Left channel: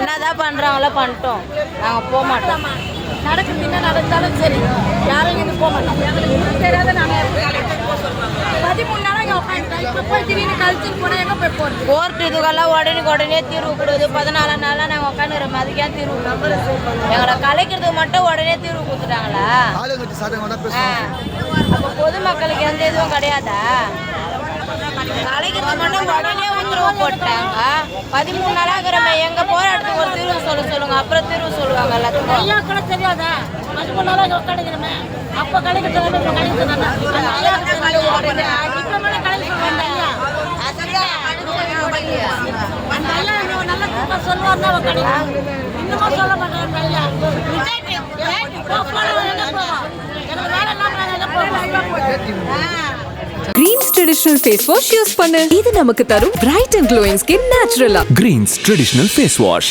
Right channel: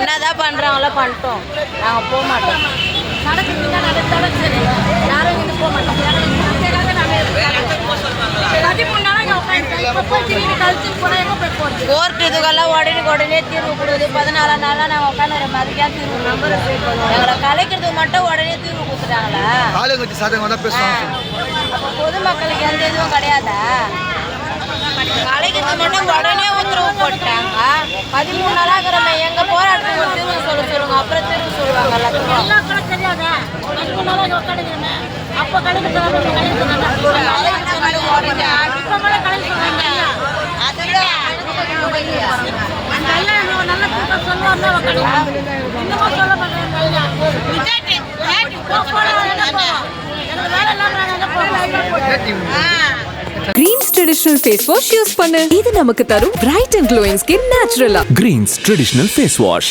என்னதான் பண்றாங்களோ பண்ணிட்டோம், நாங்க போக மாட்டோம். நடக்குதுன்னா நடந்தாலும் சரி, யாரும் இருந்து போக மாட்டோம். எங்களுக்கு தெரியாத நாங்கள் 13 நாளாக உட்காந்துட்டோம். இப்போ போய் திடீர்னு கழிச்சு போனால் எங்கே போய் போகிறது? கோர்ட் இதுக்கெல்லாம் உடனே தீர்வு கொடுக்குது. 14 நாளாக நாங்கள் உட்காந்துறோம், அதுக்கே தீர்வு எங்களை கலைக்கிறதுக்கு மட்டும் உடனே தீர்வு கொடுத்துட்டாங்களா? அப்போ பொதுமக்களுக்கு எந்த இதுவும் கிடையாதா? கலைக்கிறது மட்டும் உடனே உத்தரவு போட்டாங்க. 13 நாளாக எங்க போராட்டத்துக்கு ஒரு தீர்வு சொல்லுங்க, அப்புறம் தீர்வு சொல்லுவாங்க. எல்லாத்துக்கும் எல்லாம் கூட தெரியாதா? 13 நாளாக உட்காந்துக்கிறோமே, அப்போ கலைக்கிறது இப்போ கலைக்கிறது இப்போ மேலே கலைக்கிறாங்க. அந்த ஐயா நல்ல கூட்டம் சொல்லுவாங்க, உட்காந்து இன்னமும் சொல்ல மாட்டேன். ஐயா Greens traditional face wash use பண்ணு. இது நமக்கு தரும் bright and glowing skin naturally. Greens traditional face wash.